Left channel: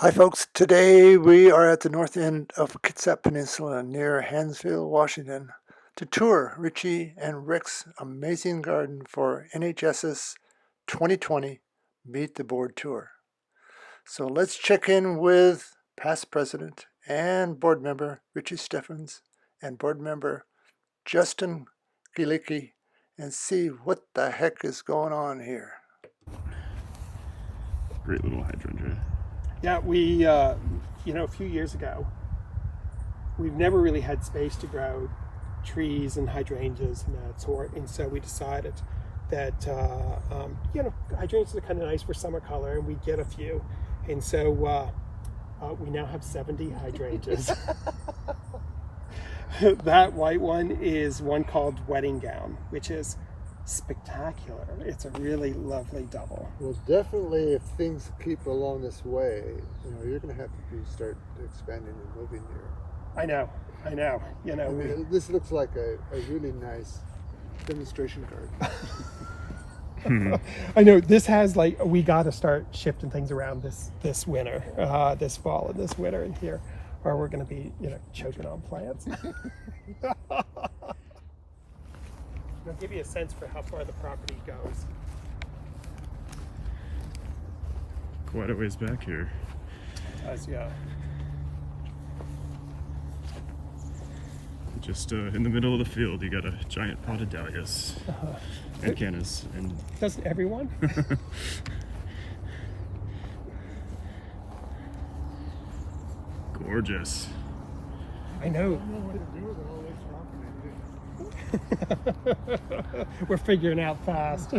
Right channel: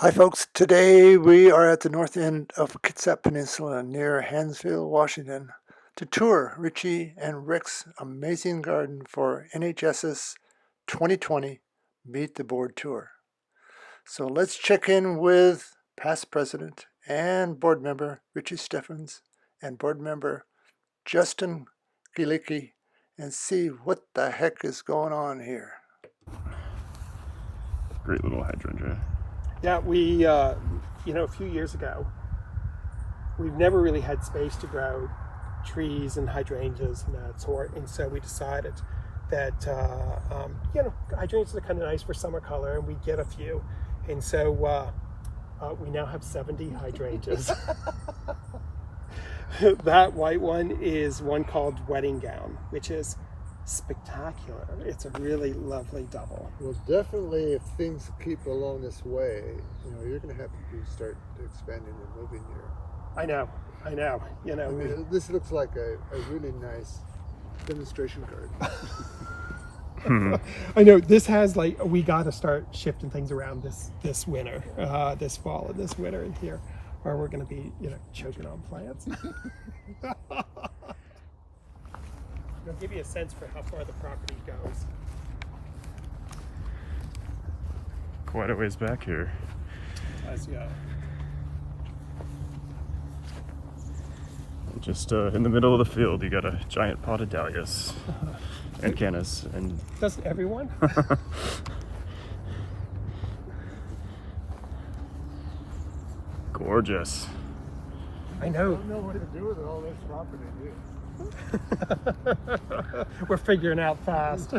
Hi, folks. Today we are at the north end of Kitsap Peninsula near Hansville, Washington, to tour Richie and Rick's amazing garden for NHS's 2020 Meet the Board Tour. So let's check in with past president and board member Richie Steffens and board member Justin Gilicki and see what the heck is going on here. Great little hydrangea. Yeah, a few years ago, we've never really had space to grow trees and hydrangeas and that sort, and so we decided that hydrangeas are kind of nice for summer color, and we get a few, and so we now have 70 hydrangeas. That white one is one called Wedding Gown, which is spectacular. It's a really lovely double. Well, definitely, if things keep along this way, you're going to have to start expanding and moving here. I know. This looks like a really nice demonstration garden. I know this has we got to start shifting things around this winter, this fall and this winter in here, or we're going to be choking on plants. I'll give you a sense for how far the property goes. Quite a ways back here. Yeah. Just in the middle of the field, you got a giant pot of dahlias and cannas. And Doesn't everyone? gorgeous. I know. I don't know what to do with all this property. We're figuring out fast.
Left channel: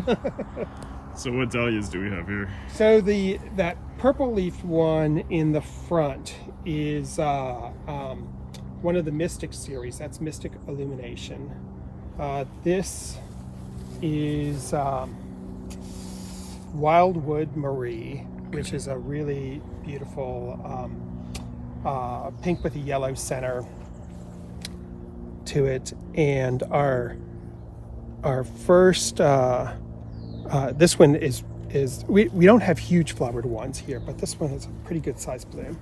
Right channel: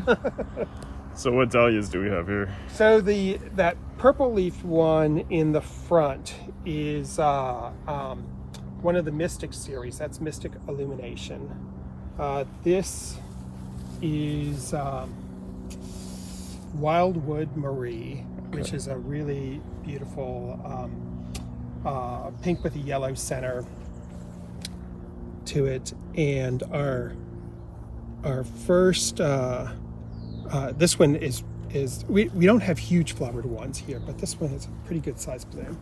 So what dahlias do we have here? So that purple leaf one in the front is one of the Mystic series. That's Mystic Illumination. This is Wildwood Marie, which is a really beautiful pink with a yellow center to it. And our first this one is we don't have huge flowered ones here, but this one has a pretty good size bloom.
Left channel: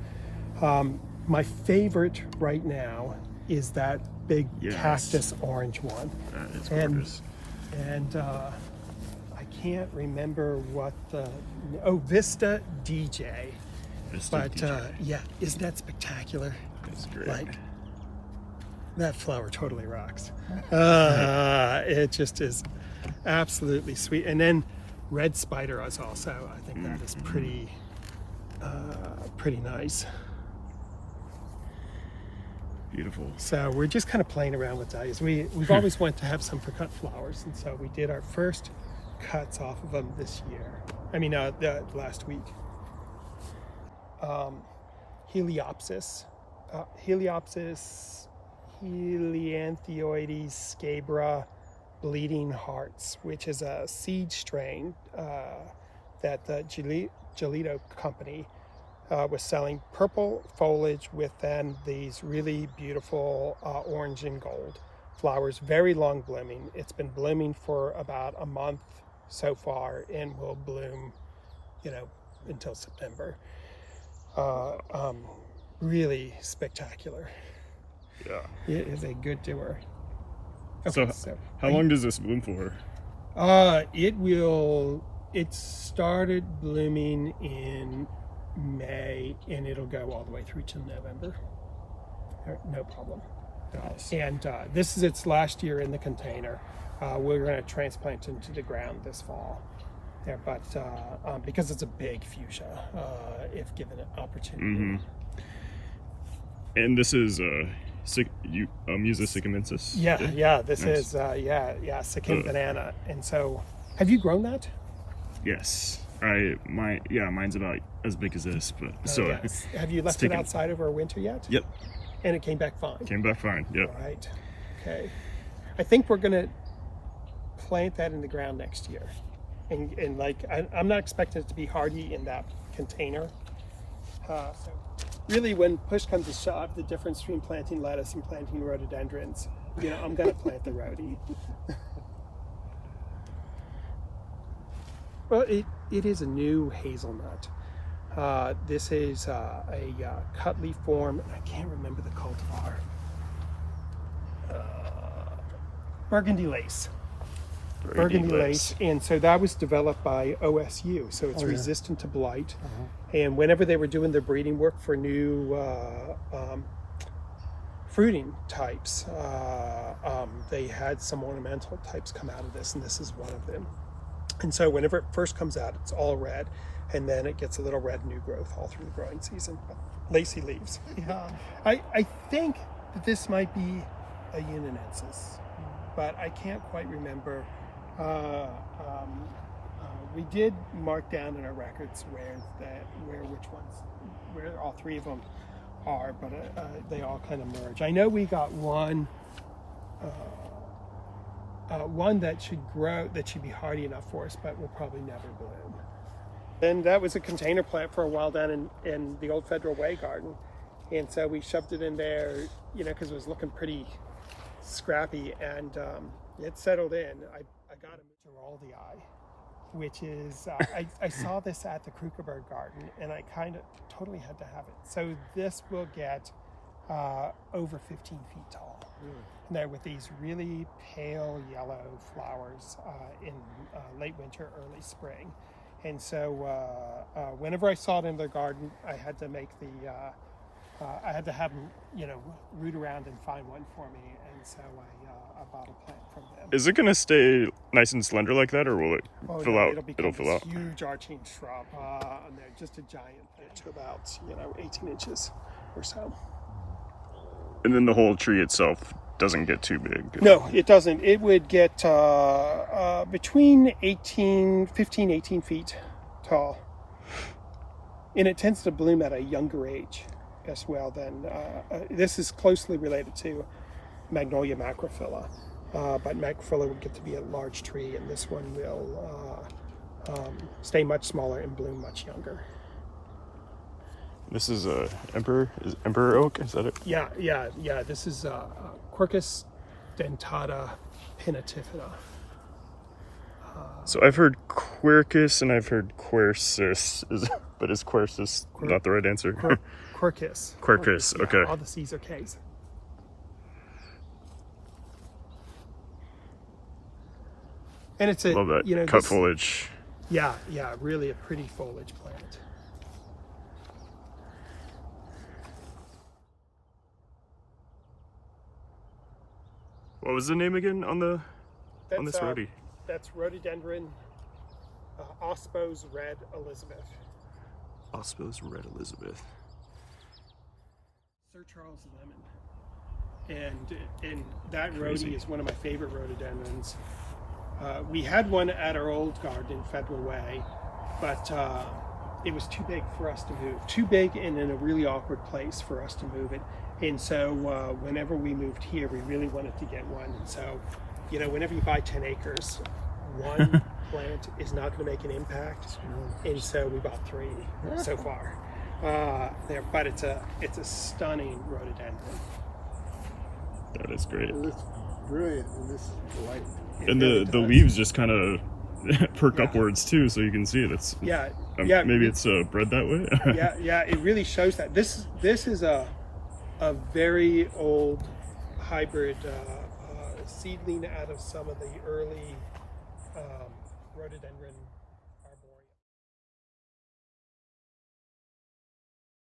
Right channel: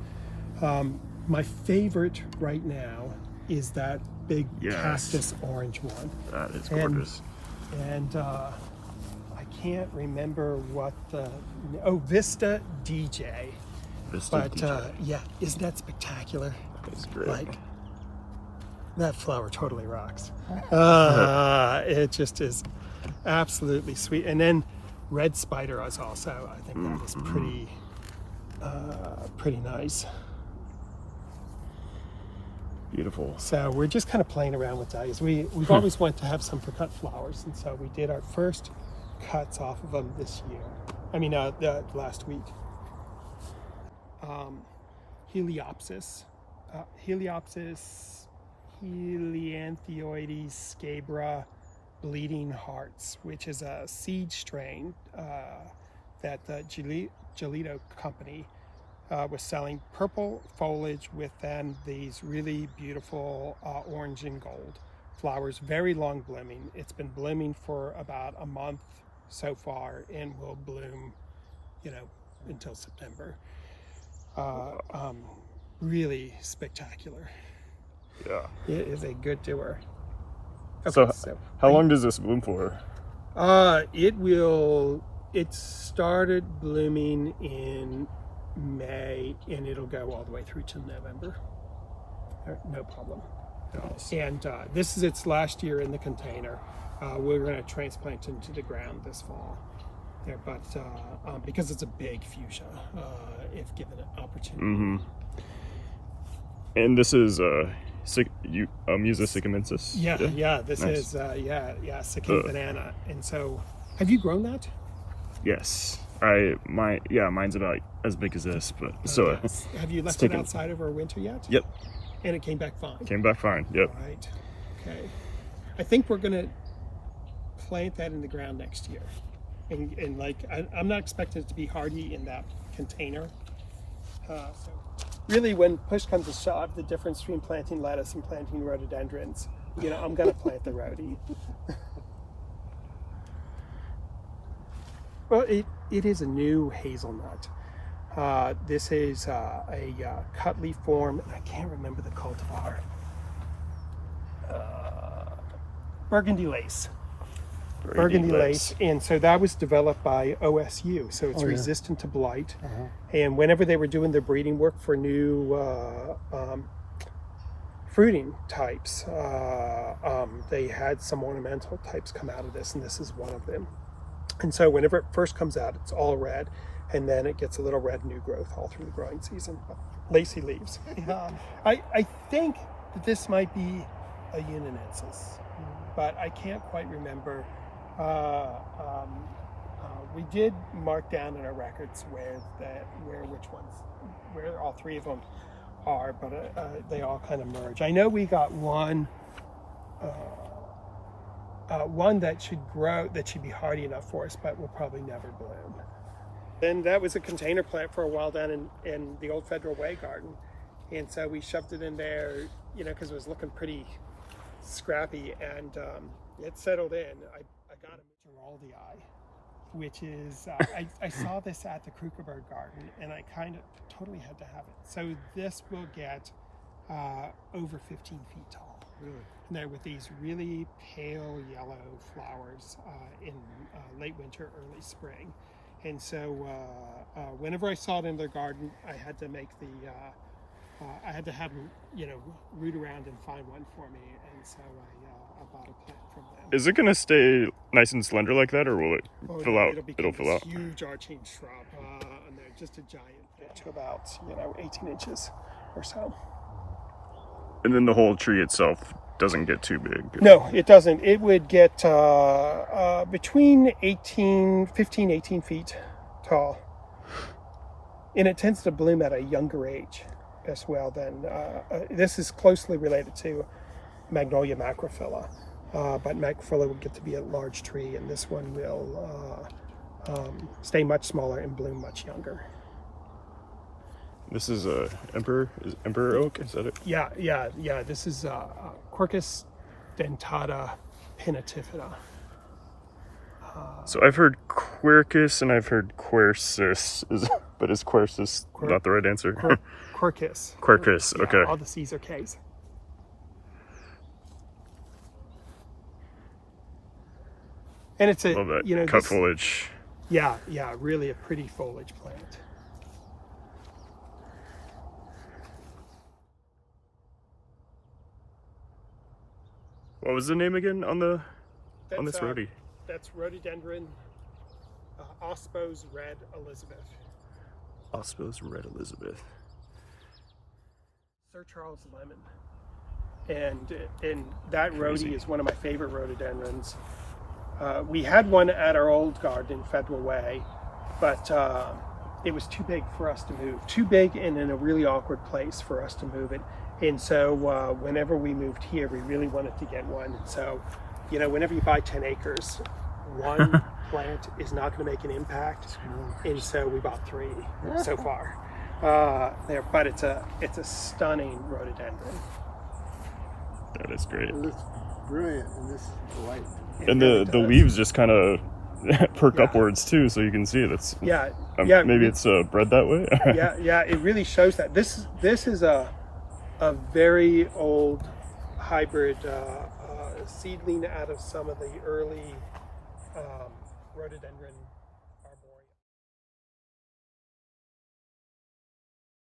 My favorite right now is that big cactus orange one. That is gorgeous. And I can't remember what Vista DJ. Vista DJ. Yeah, isn't that spectacular? It's great. Like, that flower totally rocks. It just is absolutely sweet. And then red spider is also, I think that is pretty nice. Beautiful. So we're just kind of playing around with dahlias. We've always wanted to have some for cut flowers, and so we did our first cuts off of them this year. Last week. Heliopsis, Helianthioides scabra bleeding hearts, which is a seed strain that the Gelito company was selling. Purple foliage with then these really beautiful orange and gold flowers, very long blooming. It's been blooming for about a month so far and will bloom until September. Really spectacular. Yeah. It is a good doer. Okay, so how long does this bloom for? It started blooming in May and it'll go all the way through to November. No problem. Nice. And this is its last year in the container. We're going to transplant it into the ground this fall. There, but because it's a big fuchsia, if given an opportunity. Mm-hmm. And this is Musa sycamensis. Yeah. This nice. is Sikkim banana. And so, have you grown that? Yes. Mine's about as big as this, but so. Yes. Have you left it outside over winter yet? Yep. And it came back fine. Came back fine. Yep. All right. Okay. I think we're gonna plant that in the ground next year, and I'm not expecting it to be hardy in that container. So really, when push comes to shove, the difference between planting lettuce and planting rhododendrons, I'm gonna plant the rhodie. Well, it is a new hazelnut. This is a cut leaf form. I can't remember the cultivar. Burgundy lace. Burgundy lace. And so that was developed by OSU. So it's resistant to blight. And whenever they were doing their breeding work for new fruiting types, they had some ornamental types come out of this, and this is one of them. And so whenever it first comes out, it's all red, and then it gets a little red new growth all through the growing season. Lacy leaves. I think that this might be a Unionensis, but I can't quite remember. We did mark down in our records where all three of them are, but they all kind of merge. I know we got one that should grow, that should be hardy enough for us, but will probably never bloom. And that was a container plant for a while down in the old Federal Way garden, and so we shoved it in there, because it was looking pretty scrappy, and it settled in. I got a Geraldii, which is I saw this at the Krukerberg garden, and I kind of totally had to have it. So this will get over 15 feet tall. Now with these really pale yellow flowers in late winter, early spring. And so whenever I saw it in their garden, I had to make I had to have them, root around and find one for me. And so I bought a plant from them. Is it going to stay nice and slender like that, or will it fill out? It'll fill out. Huge arching shrub. And they're just a giant plant to about 18 inches or so. And then the whole tree itself doesn't get too big. No, it doesn't. It would get between 15, 18 feet tall. And it tends to bloom at a younger age as well. This is closely related to Magnolia macrophylla. But macrophylla would get to be a large tree, and this one will stay much smaller and bloom much younger. This is Emperor oak, is that it? Yeah. This is Quercus dentata pinnatifida. So I've heard Quercus and I've heard Quercus, but is Quercus not the right answer? Quercus. Quercus, okay. All the C's are K's. And it's Love that. Cut foliage. Yeah, really a pretty foliage plant. What was the name again on this rhodie? That's rhododendron Ospos Red Elizabeth. Ospos Red Elizabeth. Sir Charles Lemon. And that rhodie is one of my favorite rhododendrons. We had one at our old garden in Federal Way, but it was too big for us to move. Too big and in a really awkward place for us to move it. And so whenever we moved here, we really wanted to get one. And so, whenever you buy 10 acres, one plant is not going to make an impact. And so we bought 3 so far there. But it's a stunning rhododendron. That is great. Well, it's brilliant, and this is white. And the leaves just kind of perk upwards too, so you can see it. It's maybe it's bred that way. yeah, it really shows that. This is a very old hybrid seedling out of some of the early rhododendron